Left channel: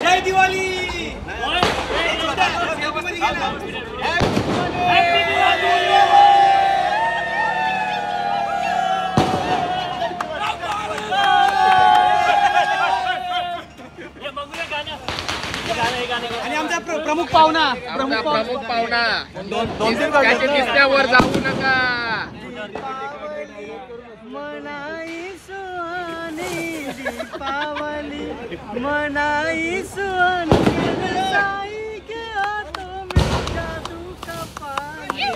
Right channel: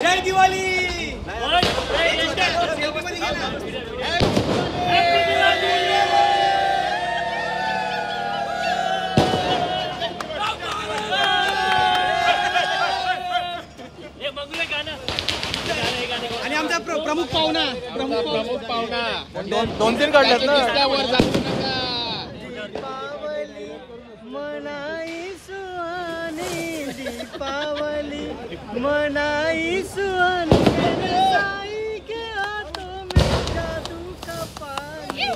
जय दिवाळी। आणि आमचा प्रमुख पाहुणा दोन तीन वर जाऊ नका। मनाई सुहानी दीपावली मनाई सुहानी साई के हाथों में जादू का पानी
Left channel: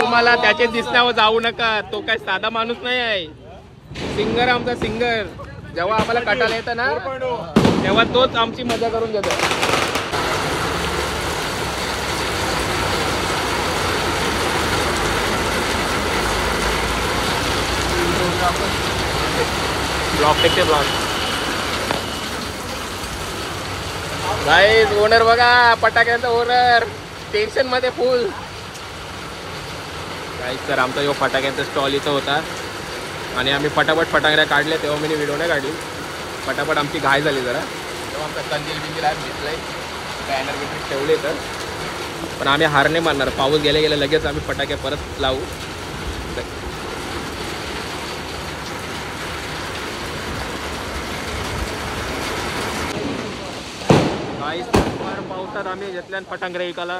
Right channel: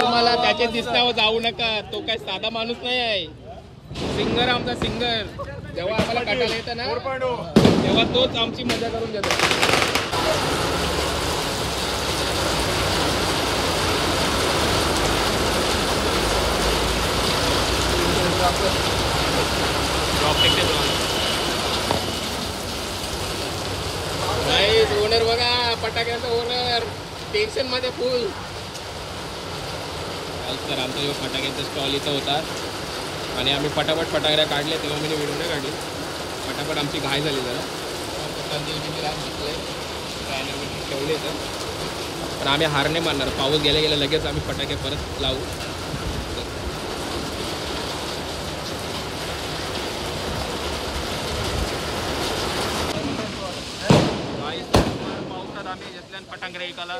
तुम्हाला त्याचे दिसण्यावर जाऊ नका। तो काय साधा माणूस नाही आहे, सिंगर आमचा सिंगर। जेव्हा आम्हाला कटाला येतं ना तेव्हा तोच आमची मजा करून देतो। गाईज ओनर बघा, फटाक्यांचा ओनर टेन्शन मध्ये फुल। गाईज तर आमचा जो फटाक्यांचा स्टॉल इथं होता आणि आम्ही फटाफट फटाकड्या काढले, तेव्हा मी व्हिडिओ नाही काढली। फटाफट आमची घाय झाली जरा, तेव्हा आमचा कंदील बिंदील आज घेतलंय, बॅनर बिनर ठेवले तर। पण आम्ही हार नाही मानणार, पाऊस गेल्या गेल्या लगेच आम्ही फटाके परत लावू। पावसात आम्ही घेतल्या फटांगऱ्या एकाला,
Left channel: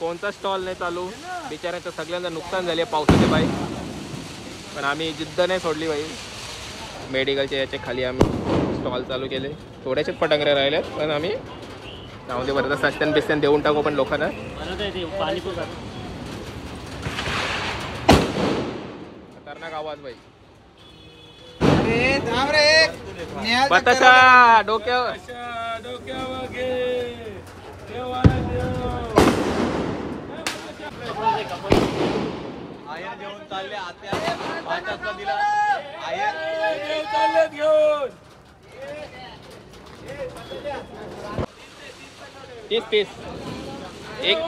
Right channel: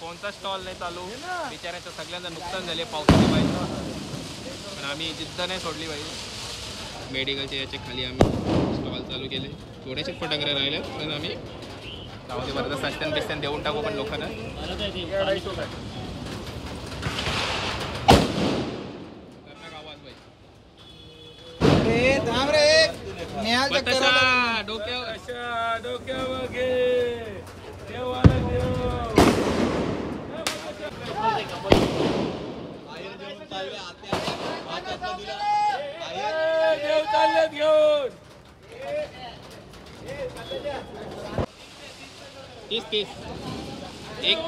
कोणता स्टॉल नाही चालू, बिचाऱ्याचं सगळ्यांचं नुकसान झाले पावसाने बाई। पण आम्ही जिद्द नाही सोडली बाई। मेडिकलच्या याच्या खाली आम्ही स्टॉल चालू केले, थोड्याशेच फटांगऱ्या राहिल्यात, पण आम्ही त्यामध्ये बरं सस्त्यान बिस्त्यान देऊन टाकू पण लोकांना। खतरनाक आवाज बाई। बताशा डोक्यावर घे, आयर जेवण चालले आत्या भाताचा दिला आयर जेव चाललेत घेऊन 30 एक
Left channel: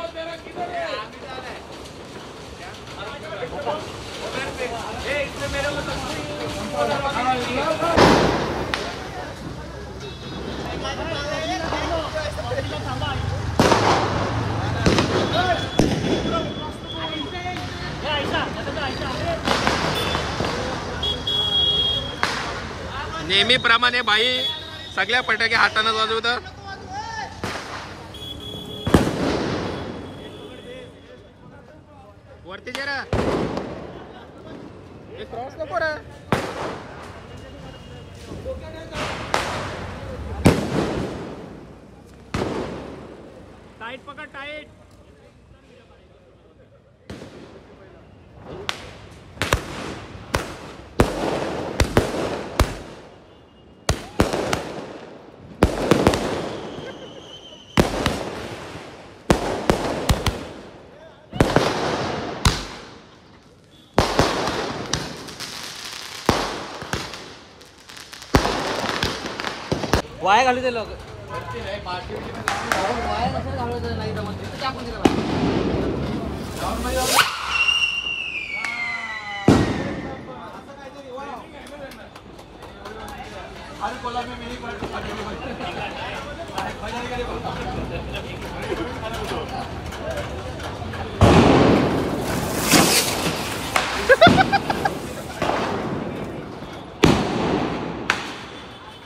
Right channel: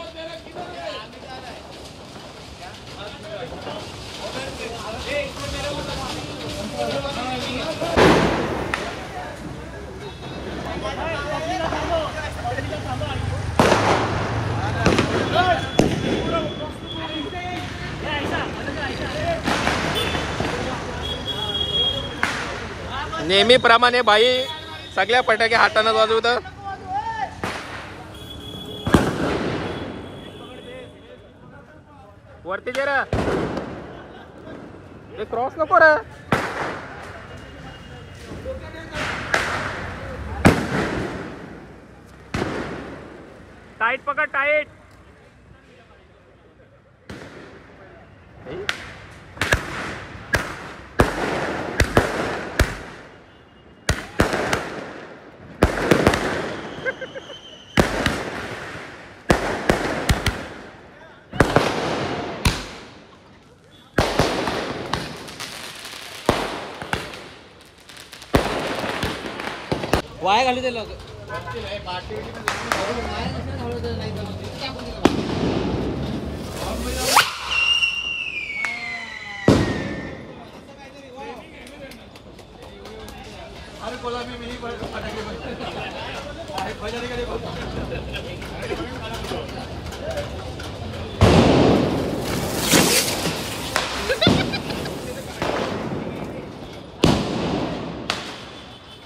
नेहमीप्रमाणे बाई सगळ्या फटाके हाताने वाजवतं। वरती जरा क्रॉस नको रे। टाइट पकड, टाइट। वाया घालू दिलं अरे कोला में मिनी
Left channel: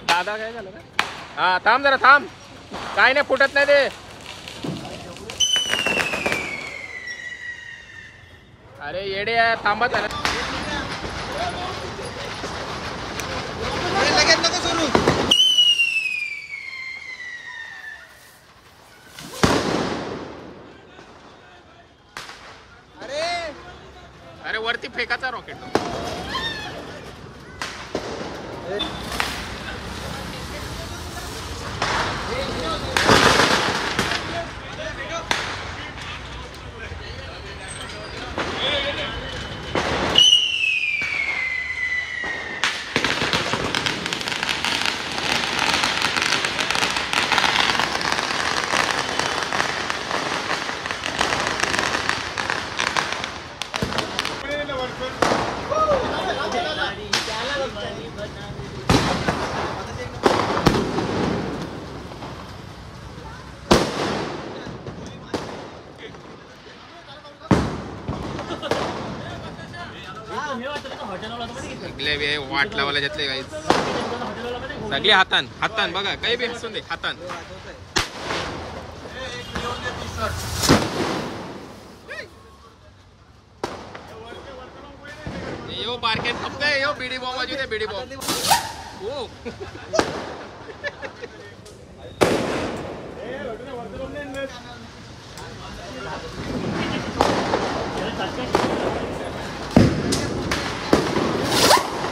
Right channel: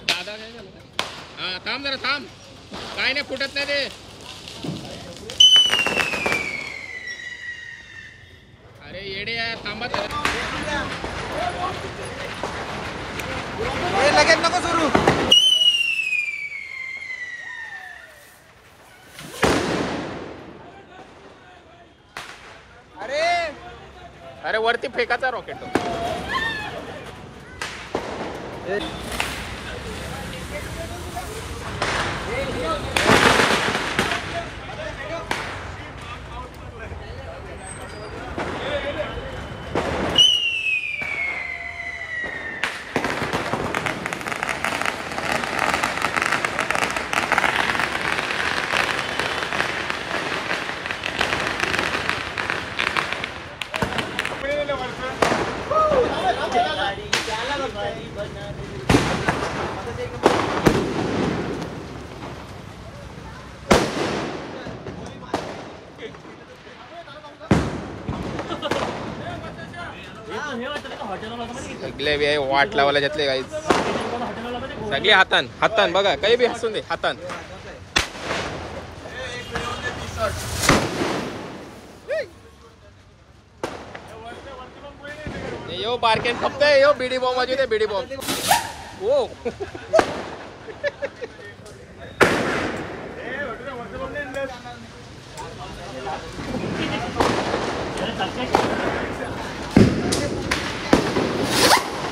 दादा काय झालं? हा थांब जरा थांब, काय नाही फुटत नाही ते। अरे येडे आहे, थांबा जरा। अरे वरती फेकाचा रॉकेट तो। सगळे बी आहे वाट लावायला घेतले काही सगळे हातान हातान बघा काही बी हसून दे हातान यो बारकेन खपतंय यो बीडी बॉम्ब वाजू दे बीडी बॉम्ब ओ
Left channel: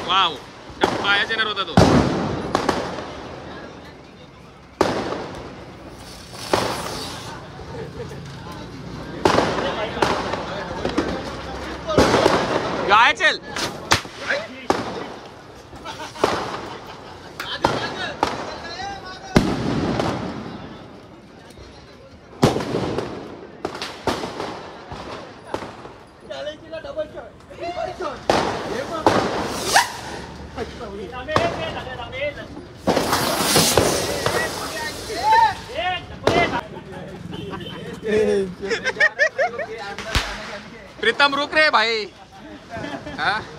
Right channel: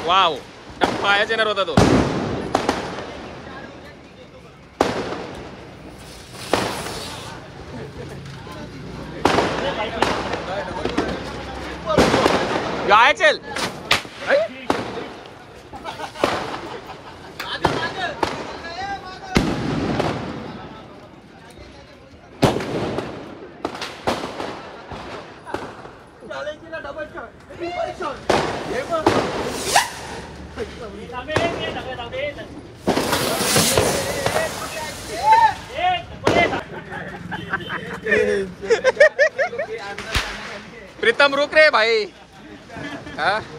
वाव पायाच येणार होता तो गाय चल प्रीतम रुक रे भाई हाँ